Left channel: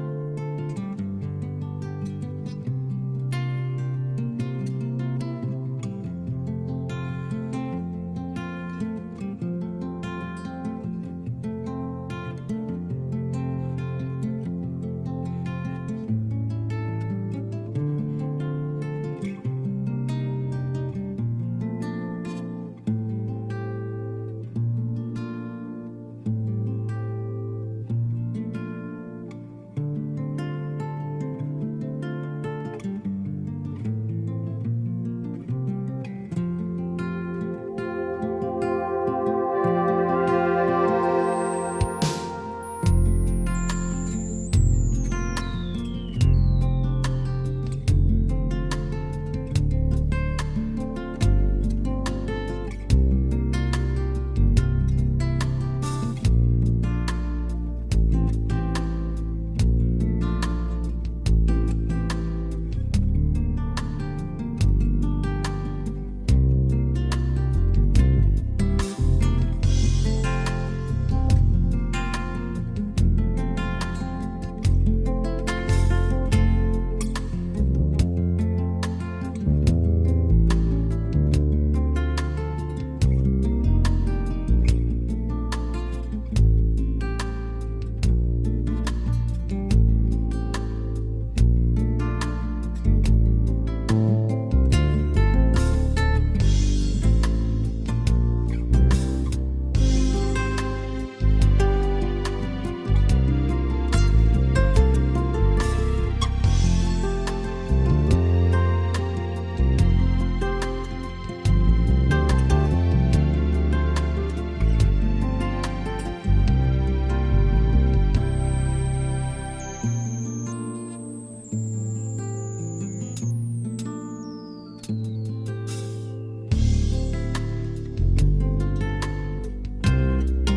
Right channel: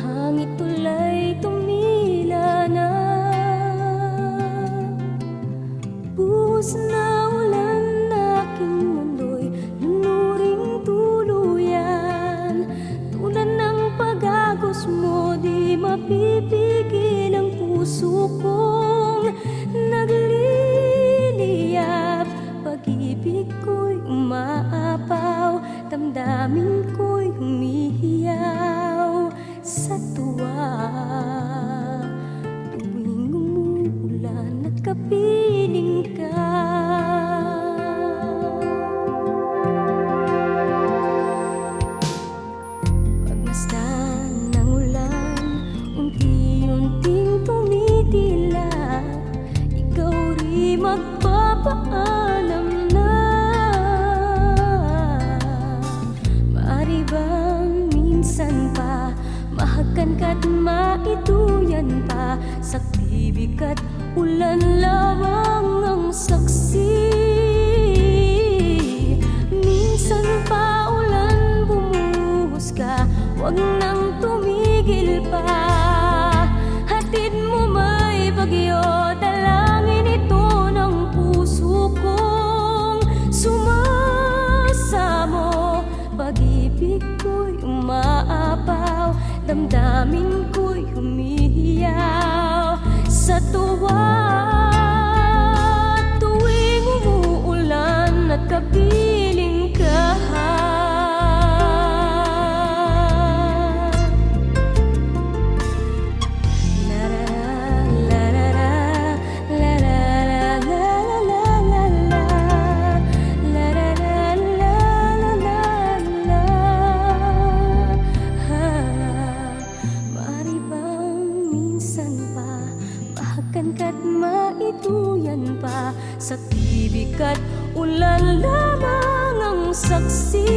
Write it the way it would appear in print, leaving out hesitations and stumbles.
hangit tulay tumila na, buhos na ulan aking mundo'y lunuring tuluyan. Tulad ng pag-agos mo, di mapipigil ang puso kong nagliliyab. Pag-ibig ko'y umaapaw, damdamin ko'y humihiyaw sa tuwa. Tuwing umuulan at kapiling ka, pagmasdan ng ulan, unti-unting tumitila, ikaw rin magpapaalam na. Maaari bang minsan pa mahakan ka't maituyan pa, sa tibig at ulan lamang ang saksi. Minsan pa ulan bumuhos ka, huwag nang tumigil pa. Hatid mo may bagyo, dalangin ito ng puso kong sumasamo. Pag-ibig ko'y umaapaw, damdamin ko'y humihiyaw sa tuwa. Tuwing umuulan at kapiling ka, maaari bang minsan pa mahakan ka't maituyan pa, sa tibig at ulan lamang ang saksi.